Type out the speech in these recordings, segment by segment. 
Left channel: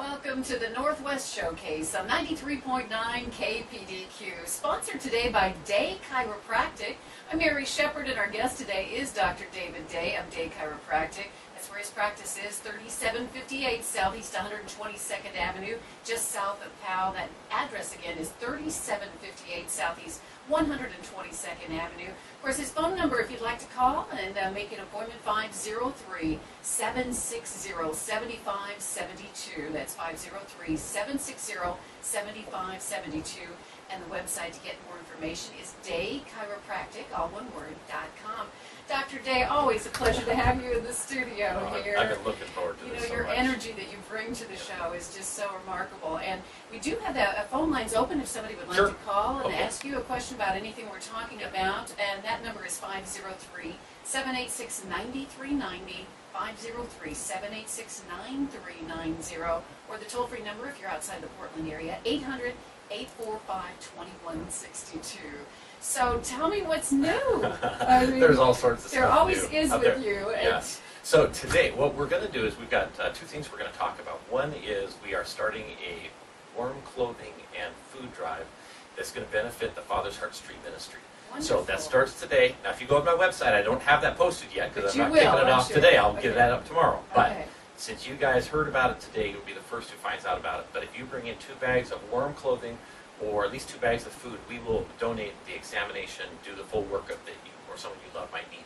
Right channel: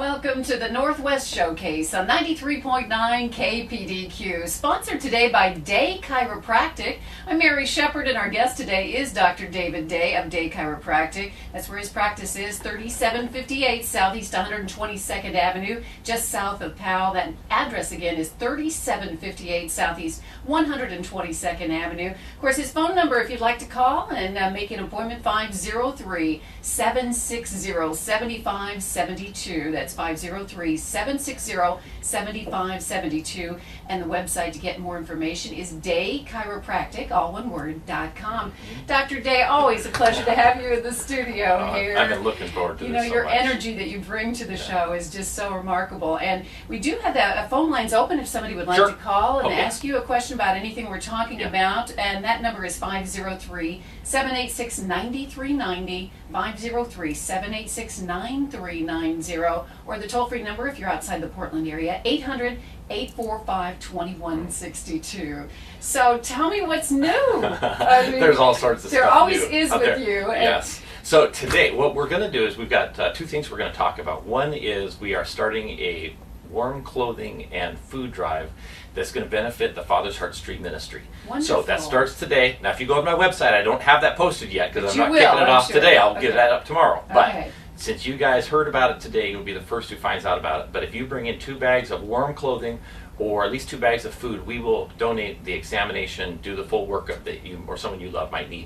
Welcome to the Northwest Showcase on 93.9 KPDQ, sponsored today by Day Chiropractic. I'm Mary Shepard, and our guest today is Dr. David Day of Day Chiropractic. That's where his practice is, 3758 Southeast 122nd Avenue, just south of Powell. That address again is 3758 Southeast 122nd Avenue. Of course, his phone number, if you'd like to call and make an appointment, 503-760-7572. That's 503-760-7572. And the website to get more information is daychiropractic, all one word, .com. Dr. Day, always a pleasure to have you in the studio here. I've been looking forward to this so your much. energy that you bring to the show is just so remarkable. And we do have the phone lines open if somebody would like Sure. to call and Okay. ask you a question about anything we're talking about. And that number is 503-786-9390, 503-786-9390, or the toll-free number if you're outside the Portland area, 800-845-2162. So tell me what's new. I mean, There's all sorts of there stuff always new is out with there. you. And Yes. So today, what we're going to do is we've got two things we're going to talk about. One is we are starting a warm clothing and food drive that's going to benefit the Father's Heart Street Ministry. Wonderful. So that starts today. Now, if you go to my website, I don't have that posted yet because But I'm you not will, kicking it I'm off sure. today. I'll Okay. get that up tomorrow. But Okay. since you guys heard about it today, you'll be the first who finds out about it. But if you bring in 2 bags of warm clothing or at least 2 bags of food, we will donate the examination, do the full workup that you or someone you love might need.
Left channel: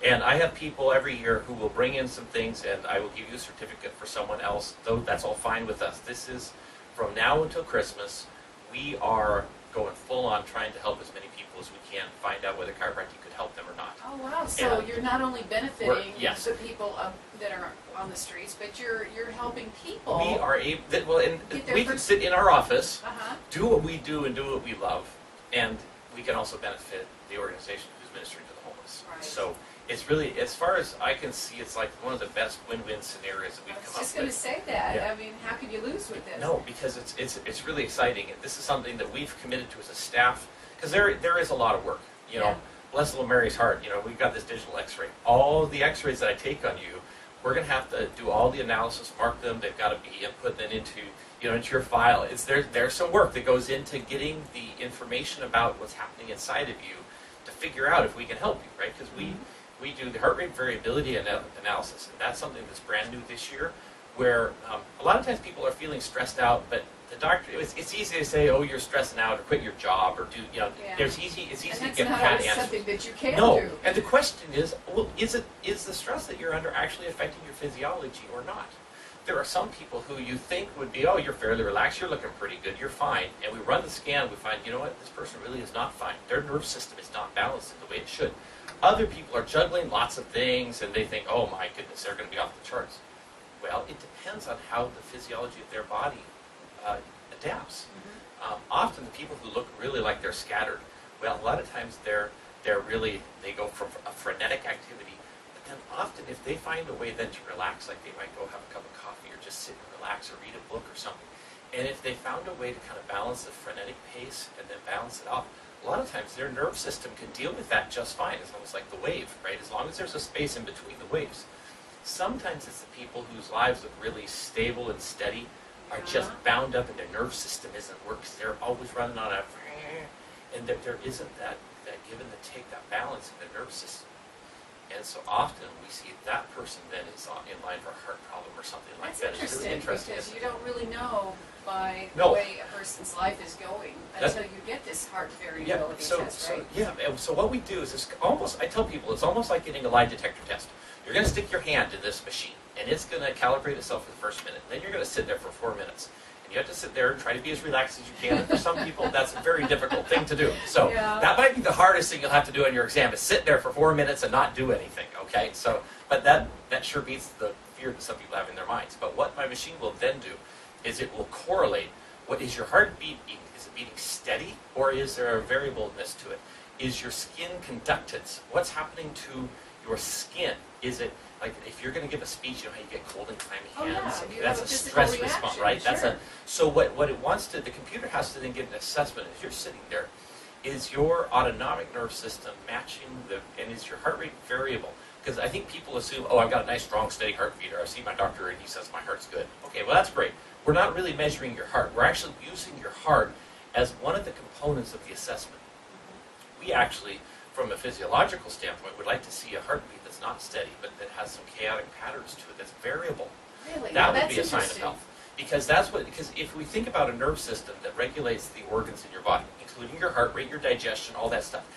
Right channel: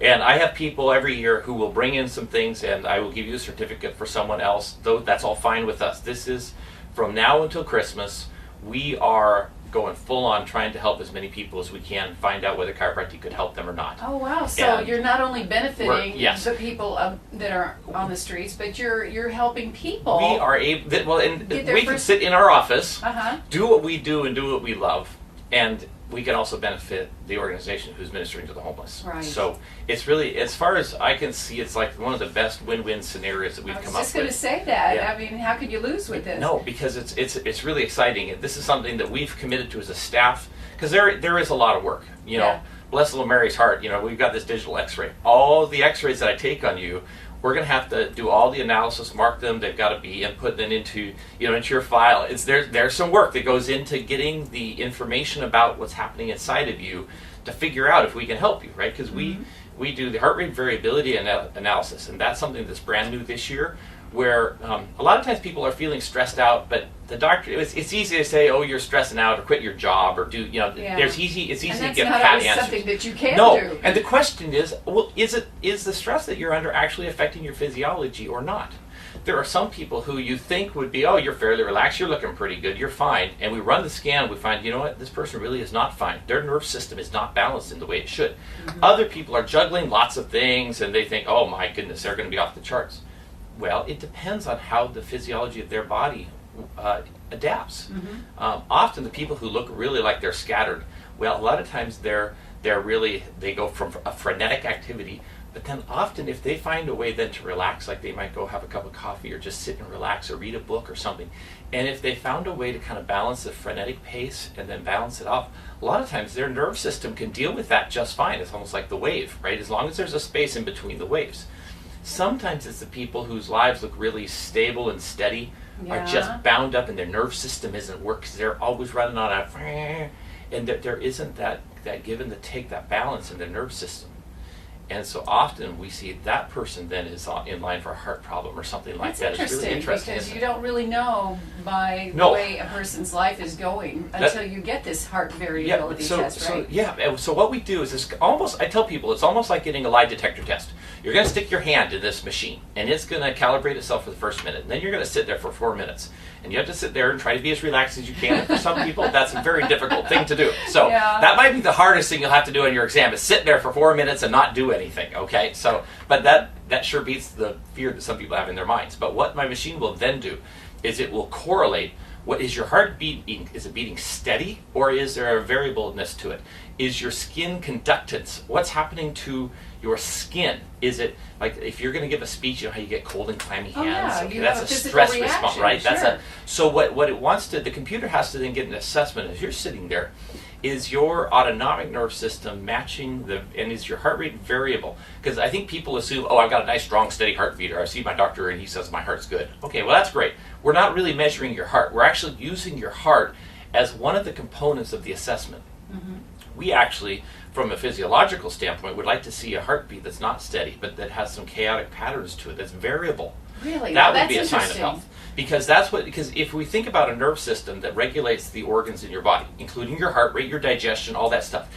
And I have people every year who will bring in some things, and I will give you a certificate for someone else. Though that's all fine with us. This is from now until Christmas. We are going full on trying to help as many people as we can find out whether chiropractic could help them or not. Oh wow! So And you're not only benefiting yes. the people that are on the streets, but you're helping people. We are able, and Get their we can first- sit in our office, Uh-huh. do what we do and do what we love, and we can also benefit the organization who's ministering to the homeless. Right. So it's really, as far as I can see, it's like one of the best win-win scenarios that we've I was come up just going to with. say that. Yeah. I mean, how could you lose with this? No, because it's really exciting, and this is something that we've committed to as a staff, because there is a lot of work. You know, Yeah. bless little Mary's heart. You know, we've got this digital X-ray. All the X-rays that I take on you, we're going to have to do all the analysis, mark them. They've got to be input then into into your file. There's some work that goes into getting the information about what's happening inside of you to figure out if we can help you, right? Because we do the heart rate variability analysis, and that's something that's brand new this year. Where a lot of times people are feeling stressed out, but the doctor, it's easy to say, oh, you're stressing out, or quit your job, or do, Yeah. it's easy And to that's get not pat always answers. something that you can No, do. and the question is, well, is the stress that you're under actually affecting your physiology or not? There are some people who you think would be, oh, you're fairly relaxed, you're looking pretty good, you're fine, and we run the scan, we find, you know what, this person really is not fine. Their nerve system is not balanced in the way it should. Other people are juggling lots of things, and they think, oh my goodness, they're going to be off the charts. Well, it depends on how the physiology of their body adapts. Often the people who look really like they're scattered, well, a lot of times they go from a frenetic activity, but then often if they find a way then to relax, like they might go have a cup of coffee or just sit and relax or read a book or something, and if they found a way to kind of balance the frenetic pace and then balance it off, a lot of times their nerve system can deal with that just fine. It's almost like the wave, right? As long as there's a space in between the waves. Sometimes it's the people whose lives look really stable and steady, are Yeah. just bound up and their nerve system isn't working because they're always running on a, and that there isn't that give and the take, that balance in their nerve system. And so often we see that person then is in line for a heart problem or something like That's that. It's really interesting. because isn't you it? don't really know by No. the way a person's life is going until you get this heart variability test, right? So what we do is this almost, I tell people, it's almost like getting a lie detector test. You're going to stick your hand in this machine, and it's going to calibrate itself for the first minute, and then you're going to sit there for 4 minutes. And you have to sit there and try to be as relaxed as you can. And for some people, that's a very difficult thing to do. So Yeah. that might be the hardest thing you'll have to do in your exam is sit there for 4 minutes and not do anything, okay? So, but that sure beats the fear that some people have in their minds. But what my machine will then do is it will correlate, what is your heart beating? Is it beating steady, or is there a variableness to it? Is your skin conductance? What's happening to your skin? Is it like if you're going to give a speech, you know how you get cold and clammy Oh, hands? yeah, Okay, you that's have a a physical stress reaction, response, right? sure. So what it wants to, the computer has to then get an assessment as you're sitting there. Is your autonomic nerve system matching and is your heart rate variable? Because I think people assume, oh, I've got a nice, strong, steady heart beat, or I see my doctor and he says my heart's good. Okay, well, that's great. we're not really measuring your heart. We're actually using your heart as one of the components of the assessment. We actually, from a physiological standpoint, would like to see a heartbeat that's not steady, but that has some chaotic patterns to it, that's variable. Really? That Now, would be a sign of health. Because if we think about a nerve system that regulates the organs in your body, including your heart rate, your digestion, all that stuff,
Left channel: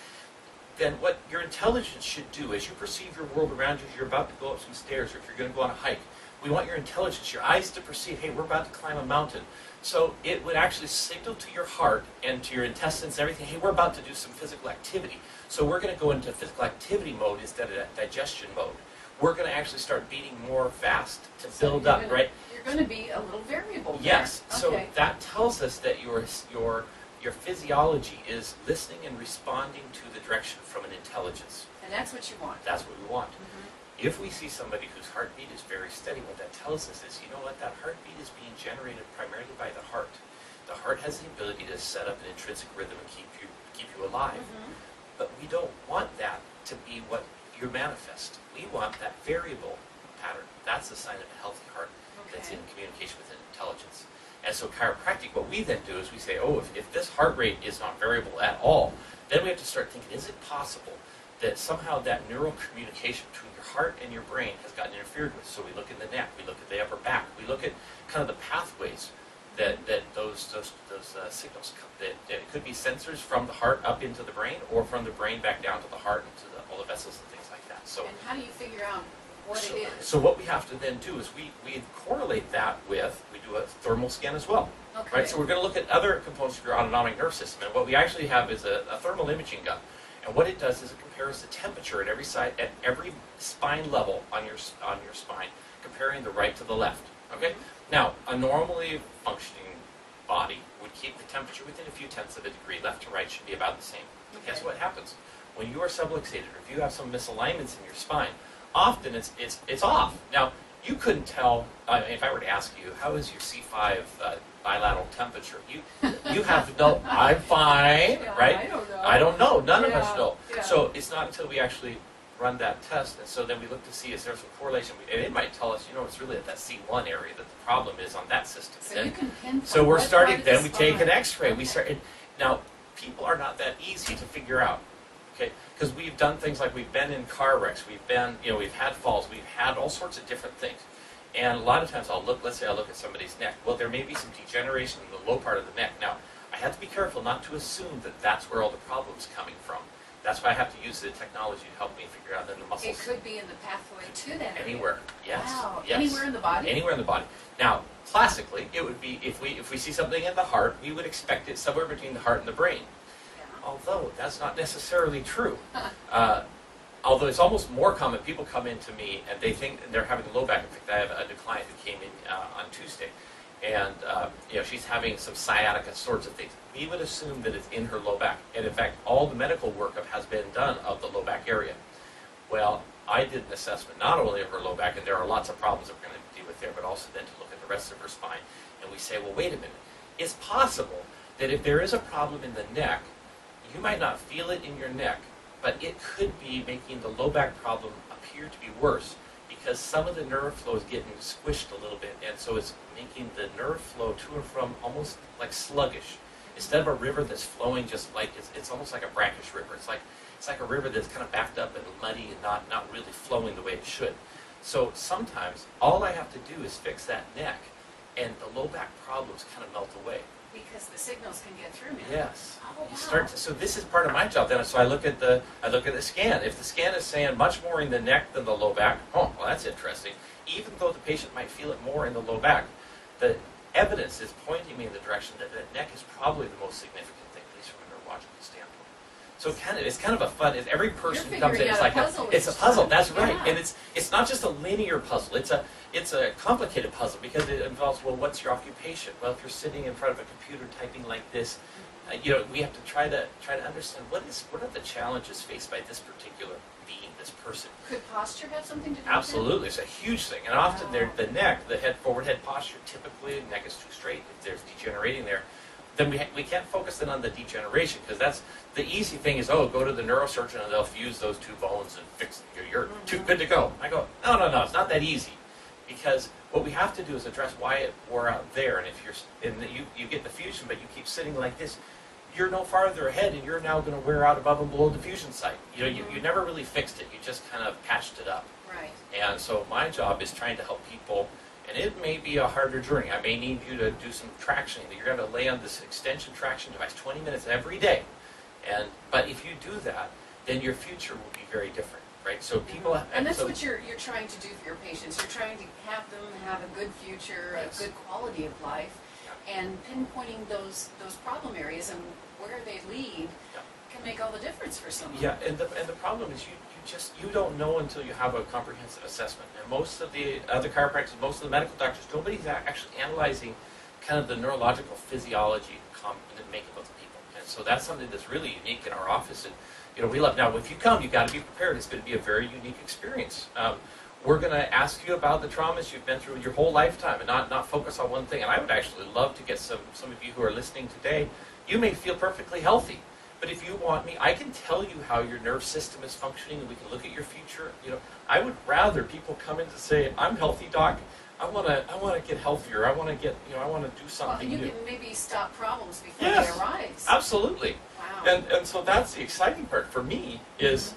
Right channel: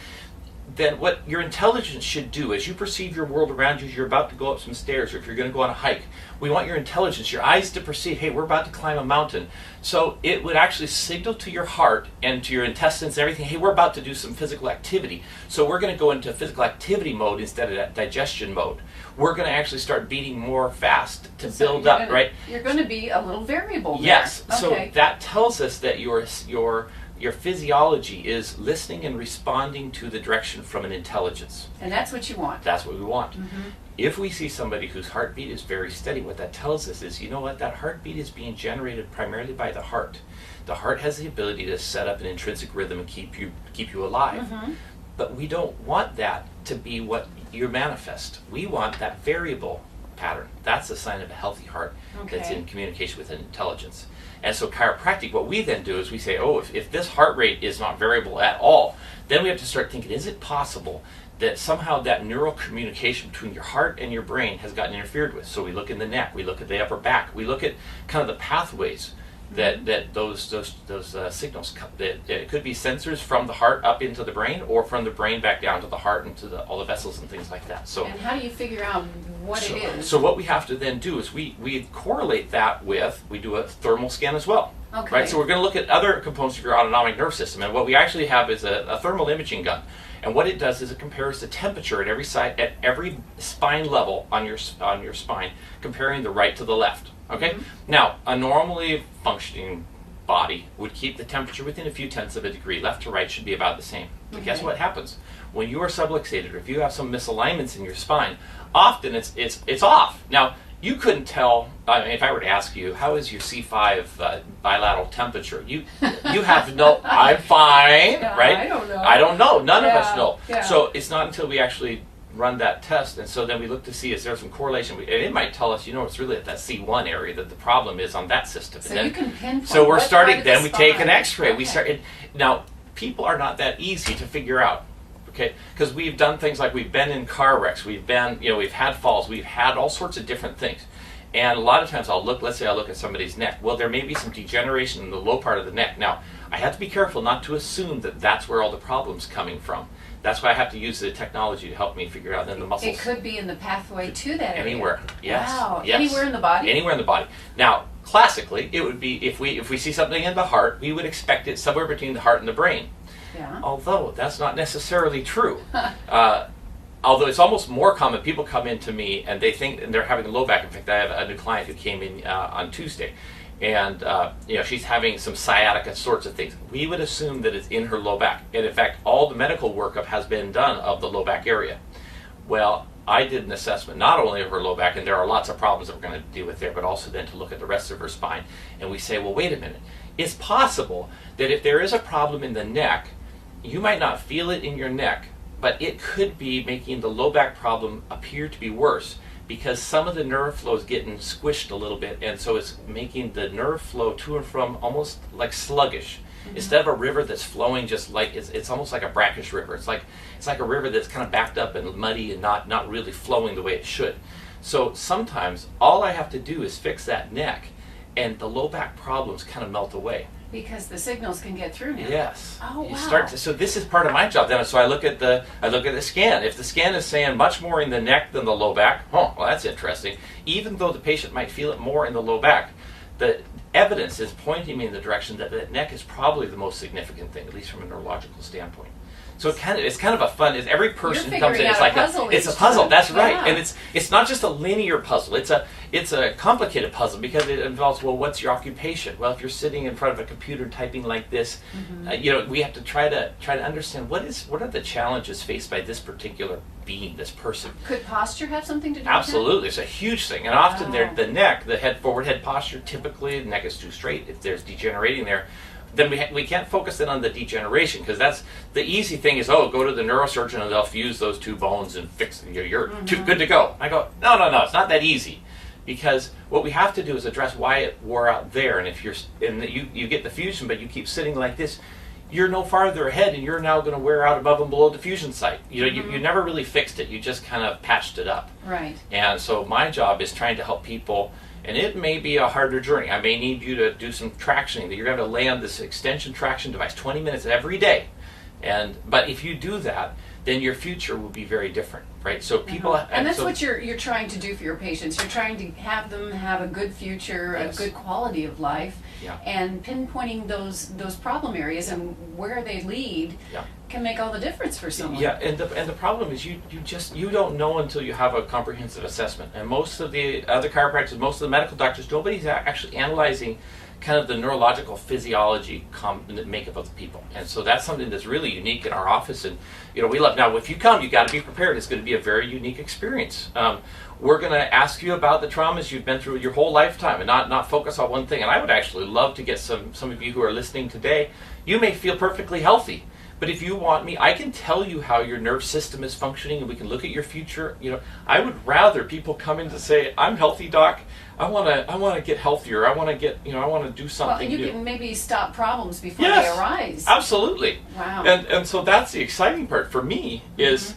then what your intelligence should do as you perceive your world around you, as you're about to go up some stairs, or if you're going to go on a hike, we want your intelligence, your eyes to perceive, hey, we're about to climb a mountain. So it would actually signal to your heart and to your intestines and everything, hey, we're about to do some physical activity. So we're going to go into physical activity mode instead of that digestion mode. We're going to actually start beating more fast to build up, right? You're going to be a little variable there. Yes. Okay. So that tells us that your physiology is listening and responding to the direction from an intelligence. And that's what you want. That's what we want. If we see somebody whose heartbeat is very steady, what that tells us is, you know what, that heartbeat is being generated primarily by the heart. The heart has the ability to set up an intrinsic rhythm and keep you alive. But we don't want that to be what you manifest. We want that variable pattern. That's a sign of a healthy heart that's in communication with intelligence. And so chiropractic, what we then do is we say, oh, if this heart rate is not variable at all, then we have to start thinking, is it possible that somehow that neural communication between your heart and your brain has gotten interfered with? So we look in the neck, we look at the upper back, we look at kind of the pathways that those signals come. That it could be sensors from the heart up into the brain, or from the brain back down to the heart and to all the vessels and things like that. So, and how do you figure out what it is? So what we have to then do is we correlate that with, we do a thermal scan as well. Okay. Right. So we're going to look at other components of your autonomic nerve system, and what we actually have is a thermal imaging gun. And what it does is it compares the temperature at every side, at every spine level on your spine, comparing the right to the left. Okay? Now, a normally functioning body would keep the temperature within a few tenths of a degree. Left to right should be about the same. But guess what happens? When you are subluxated, or if you have some misalignments in your spine, often it's off. Now, you couldn't tell, if I were to ask you, how is your C5 bilateral temperature? You have no, I'm fine, right? I don't know. I don't know. None of us know. Yeah. So it's not until we actually run that test, and so then we look to see, is there some correlation? And it might tell us, it's really at that C1 area that the problem is on that system. So and you can pinpoint. so we're what starting, part of then the we take an spine. x-ray. Okay. We start, now, people are not that easy to figure out. Okay, because we've done things like we've been in car wrecks, we've been, we've had falls, we've had all sorts of different things. And a lot of times let's say I look at somebody's neck. Well, there may be some degeneration in the low part of the neck. Now, I have to be careful not to assume that that's where all the problem's coming from. That's why I have to use the technology to help me figure out then the muscles. It could be in the pathway to that area. Anywhere, yes. Wow. Yes. Anywhere in the body? Anywhere in the body. Now, classically, it would be, if we see something in the heart, we would expect it somewhere between the heart and the brain. Yeah. Although that's not necessarily true. Although it's almost more common, people come in to me and they think, and they're having a low back. In fact, I have a new client who came in on Tuesday, and she's having some sciatica sorts of things. We would assume that it's in her low back, and in fact, all the medical workup has been done of the low back area. Well, I did an assessment not only of her low back, and there are lots of problems that we're going to deal with there, but also then to look at the rest of her spine, and we say, well, wait a minute. It's possible that if there is a problem in the neck, you might not feel it in your neck, but it could be making the low back problem appear to be worse, because some of the nerve flow is getting squished a little bit, and so it's making the nerve flow to and from almost like sluggish. Instead of a river that's flowing just like, it's almost like a brackish river. It's like a river that's kind of backed up and muddy and not really flowing the way it should. So sometimes all I have to do is fix that neck, and the low back problems kind of melt away. Because the signals can get through now. Yes. Oh, wow. So this is part of my job then. So I look at the scan. If the scan is saying much more in the neck than the low back, well, that's interesting. Even though the patient might feel it more in the low back, the evidence is pointing me in the direction that the neck is probably the most significant thing, at least from a neurological standpoint. So it's kind of a fun. Every person comes in. It's like it's a puzzle. That's right, and it's not just a linear puzzle. It's a complicated puzzle because it involves, well, what's your occupation? Well, if you're sitting in front of a computer typing like this, we have to try to understand what are the challenges faced by this particular being, this person. Could posture have something to do Absolutely, with it's a huge thing, and often the neck, the forward head posture, typically the neck is too straight. If there's degenerating there, then we can't focus in on the degeneration, because that's the easy thing is, go to the neurosurgeon and they'll fuse those two bones and fix you're too good to go. I go, no, it's not that easy, because what we have to do is address why it wore out there. And if you get the fusion, but you keep sitting like this, you're no farther ahead, and you're now going to wear out above and below the fusion site. You know, you never really fixed it. You just kind of patched it up. Right. And so my job is trying to help people, and it may be a harder journey. I may need you to do some traction. You're going to lay on this extension traction device 20 minutes every day. But if you do that, then your future will be very different, right? So people, and that's what you're trying to do for your patients. You're trying to have them have a good future, Yes. a good quality of life, Yeah. and pinpointing those problem areas and where they lead Yeah. can make all the difference for someone. Yeah, and the problem is you don't know until you have a comprehensive assessment. And most of the other chiropractors, most of the medical doctors, nobody's actually analyzing kind of the neurological physiology makeup of the people. And so that's something that's really unique in our office. And you know, we love, now if you come, you've got to be prepared. It's going to be a very unique experience. We're going to ask you about the traumas you've been through your whole lifetime and not focus on one thing. And I would actually love to get some of you who are listening today. You may feel perfectly healthy, but if you want me, I can tell you how your nerve system is functioning, and we can look at your future. You know, I would rather people come in to say, "I'm healthy, doc. I want to get healthier. I want to get, I want to do something Well, you new." can maybe stop problems before Yes, they arise. Absolutely. Wow. And so that's the exciting part for me is,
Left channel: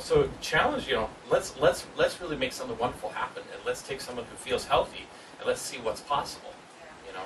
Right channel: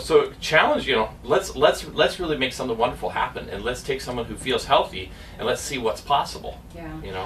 so challenge, let's really make something wonderful happen, and let's take someone who feels healthy and let's see what's possible. Yeah.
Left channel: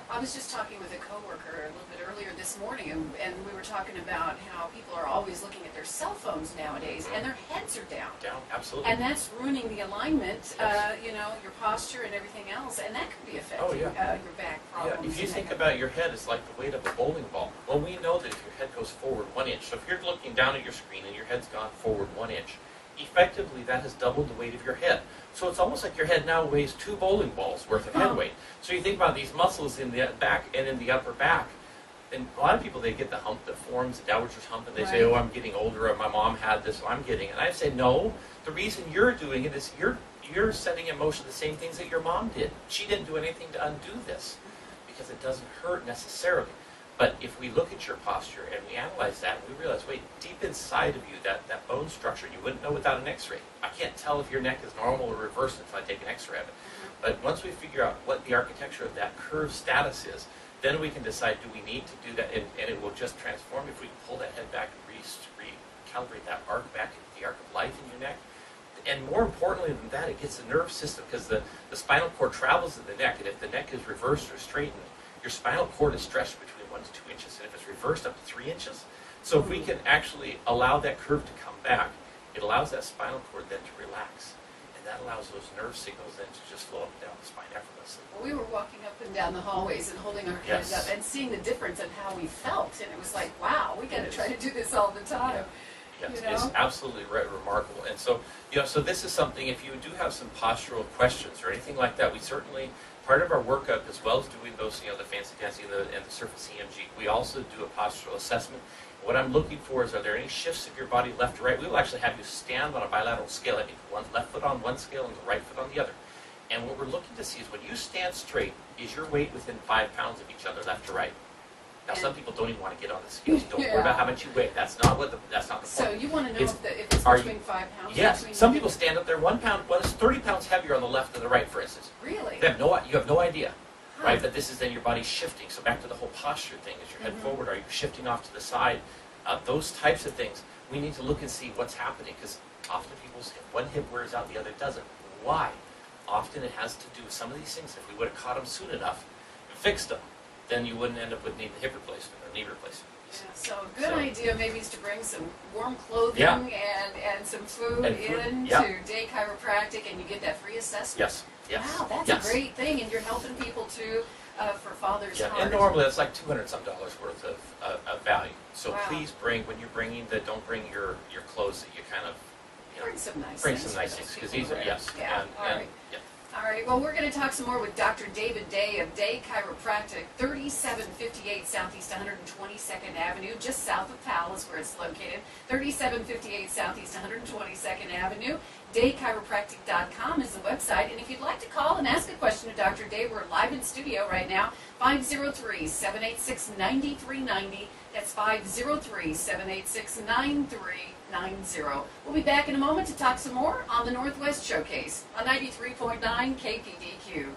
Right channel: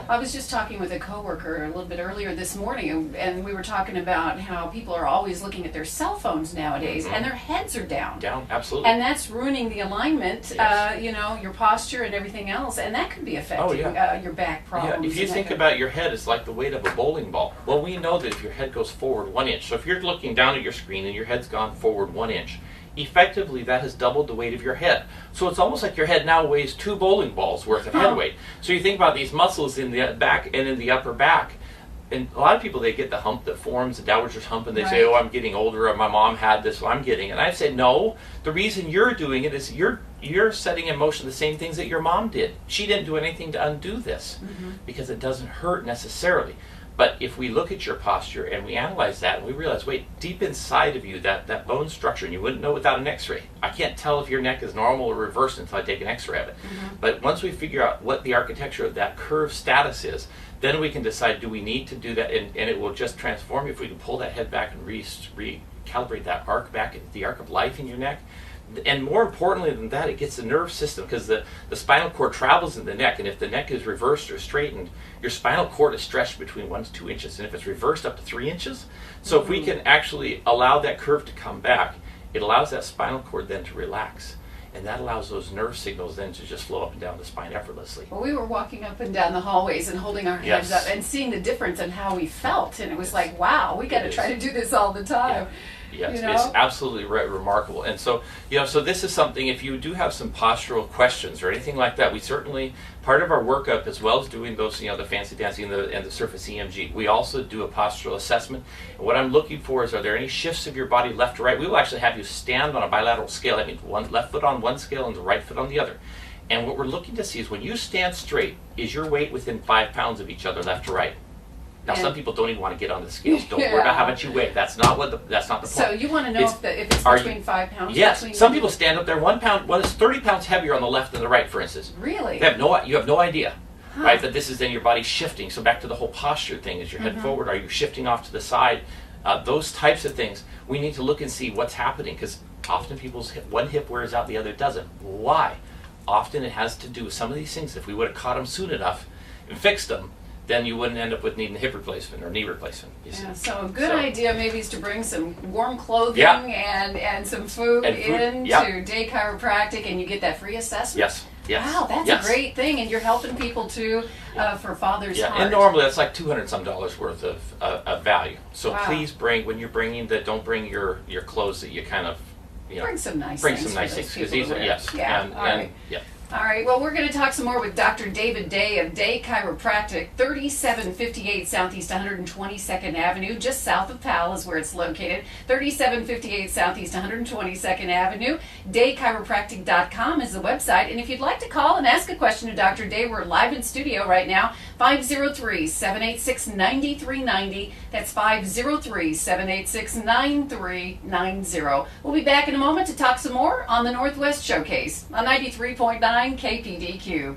I was just talking with a coworker a little bit earlier this morning, and we were talking about how people are always looking at their cell phones nowadays, and their heads are down. Down, absolutely. And that's ruining the alignment, Yes. your posture and everything else, and that can be affecting your back problems. Yeah, if you think about your head, it's like the weight of a bowling ball. Well, we know that if your head goes forward 1 inch, so if you're looking down at your screen and your head's gone forward 1 inch, effectively that has doubled the weight of your head. So it's almost like your head now weighs 2 bowling balls worth of head weight. So you think about these muscles in the back and in the upper back, and a lot of people, they get the hump that forms, the dowager's hump, and they say, "Oh, I'm getting older, or my mom had this, so I'm getting it." And I say, no, the reason you're doing it is you're setting in motion the same things that your mom did. She didn't do anything to undo this, because it doesn't hurt necessarily. But if we look at your posture and we analyze that, and we realize, wait, deep inside of you, that bone structure, and you wouldn't know without an x-ray. I can't tell if your neck is normal or reversed until I take an x-ray of it. But once we figure out what the architecture of that curve status is, then we can decide, do we need to do that? And it will just transform you if we can pull that head back and recalibrate that arc back, the arc of life in your neck. And more importantly than that, it gets the nerve system, because the spinal cord travels in the neck, and if the neck is reversed or straightened, your spinal cord is stretched between 1 to 2 inches, and if it's reversed, up to 3 inches. So if we can actually allow that curve to come back, it allows that spinal cord then to relax, and that allows those nerve signals then to just flow up and down the spine effortlessly. Well, we were walking up and down the hallways and holding our heads up and seeing the difference in how we felt, and it was like, wow, we got to try to do this all the time. Yes, it's absolutely remarkable. And so, so this is something, if you do have some postural questions or anything like that, we certainly, part of our workup, as well as doing those, the fancy dancing and the surface EMG, we also do a postural assessment. And what I'm looking for is, are there any shifts of your body left to right? We will actually have you stand on a bilateral scale. That means one left foot on one scale and the right foot on the other. And what we're looking to see is, when you stand straight, is your weight within 5 pounds of each other, left to right? Now, some people don't even want to get on the scales. Don't worry about how much you weigh. That's not the point. So you want to know if it's between 5 pounds? Yes. Some people stand up there 1 pound. Well, it's 30 pounds heavier on the left than the right, for instance. Really? You have no idea, right? That this is then your body shifting. So back to the whole posture thing: is your head forward? Are you shifting off to the side? Those types of things, we need to look and see what's happening, because often people's one hip wears out, the other doesn't. Why? Often it has to do with some of these things. If we would have caught them soon enough and fixed them, then you wouldn't end up with needing a hip replacement or knee replacement. Yeah, so a good idea maybe is to bring some warm clothing and some food to Day Chiropractic, and you get that free assessment. Yes. Wow, that's a great thing, and you're helping people too for Father's Heart. And normally that's like $200 some worth of value. So please when you're bringing don't bring your clothes that you kind of bring some nice things. Because these are All right, well, we're going to talk some more with Dr. David Day of Day Chiropractic, 3758 Southeast 122nd Avenue, just south of Powell is where it's located, 3758 Southeast 122nd Avenue. DayChiropractic.com is the website, and if you'd like to call and ask a question to Dr. Day, we're live in studio right now, 503-786-9390. That's 503-786-9390. We'll be back in a moment to talk some more on the Northwest Showcase on 93.9 90.9 KPDQ.